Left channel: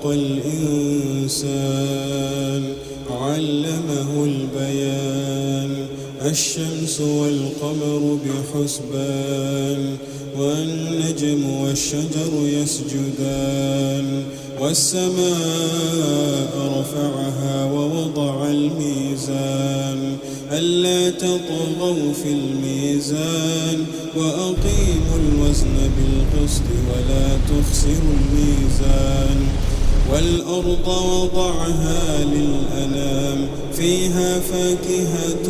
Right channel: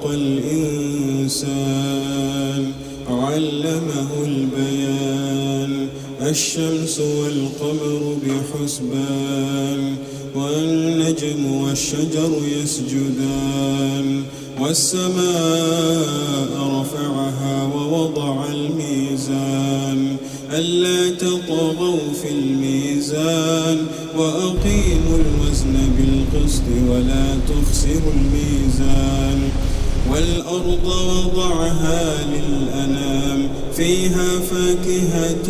خلق الإنسان علمه البيان الشمس والقمر بحسبان والنجم والشجر يسجدان والسماء رفعها ووضع الميزان ألا تطغوا في الميزان وأقيموا الوزن بالقسط ولا تخسروا الميزان والأرض وضعها للأنام فيها فاكهة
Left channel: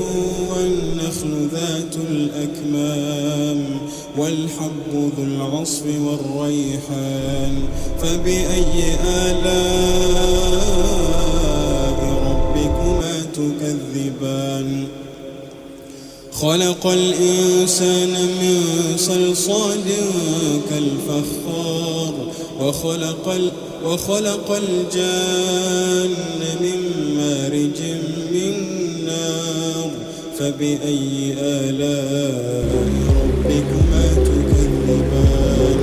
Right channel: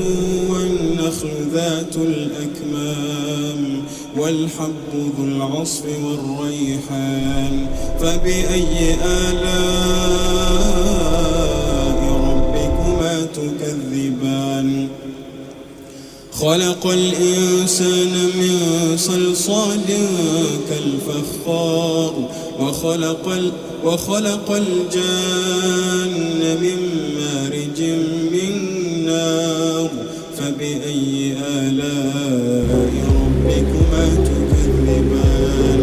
والنخل ذات الأكمام والحب ذو العصف والريحان فبأي آلاء ربكما تكذبان خلق الإنسان من صلصال كالفخار وخلق الجان من مارج من نار فبأي آلاء ربكما تكذبان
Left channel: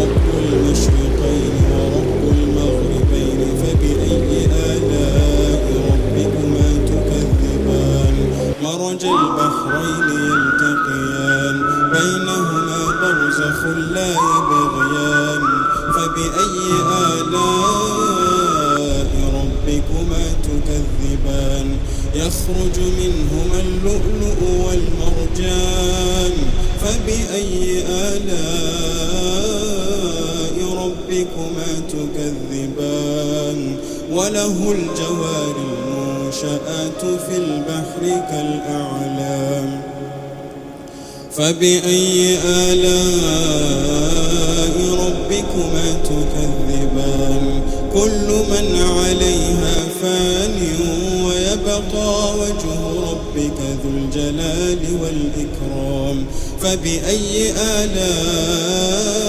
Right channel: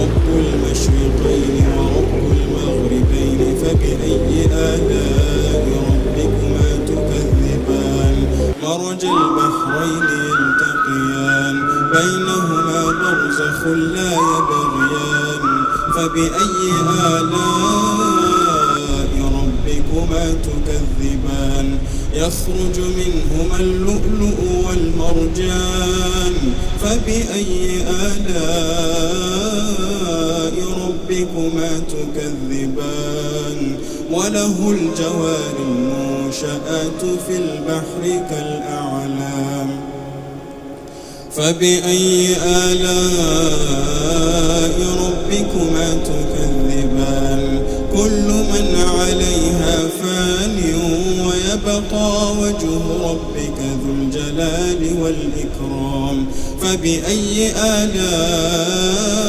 رب المشرقين ورب المغربين فبأي آلاء ربكما تكذبان مرج البحرين يلتقيان بينهما برزخ لا يبغيان فبأي آلاء ربكما تكذبان يخرج منهما اللؤلؤ والمرجان فبأي آلاء ربكما تكذبان وله الجوار المنشآت في البحر كالأعلام فبأي آلاء ربكما تكذبان كل من عليها فان ويبقى وجه ربك ذو الجلال والإكرام فبأي آلاء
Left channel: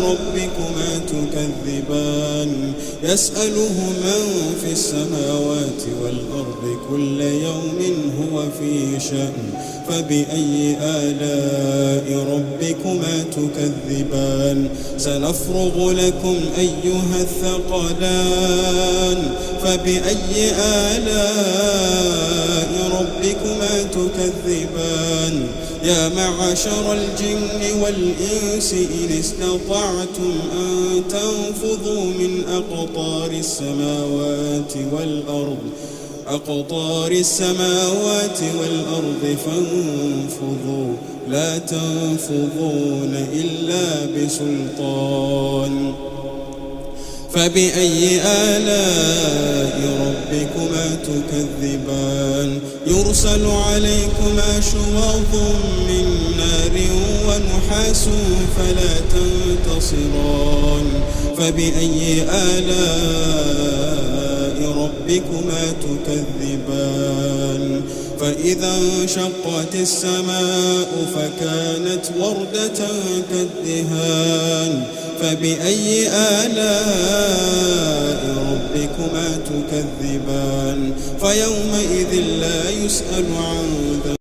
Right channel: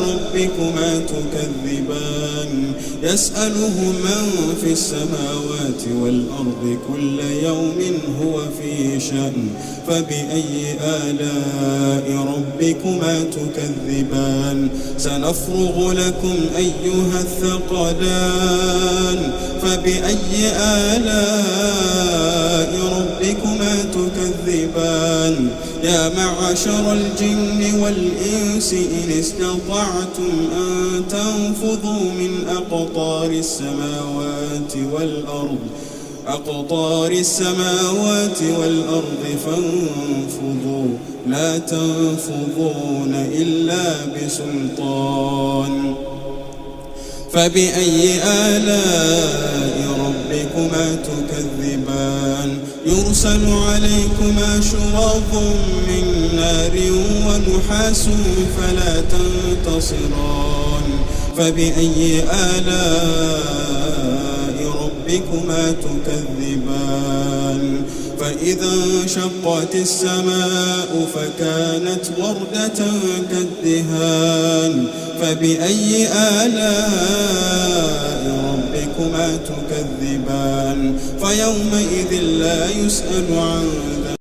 ربكما تكذبان يسأله من في السماوات والأرض كل يوم هو في شأن فبأي آلاء ربكما تكذبان سنفرغ لكم أيها الثقلان فبأي آلاء ربكما تكذبان يا معشر الجن والإنس إن استطعتم أن تنفذوا من أقطار السماوات والأرض فانفذوا لا تنفذون إلا بسلطان فبأي آلاء ربكما تكذبان يرسل عليكما شواظ من نار ونحاس فلا تنتصران فبأي آلاء ربكما تكذبان فإذا انشقت السماء فكانت وردة كالدهان فبأي آلاء ربكما تكذبان فيومئذ لا يسأل عن ذنبه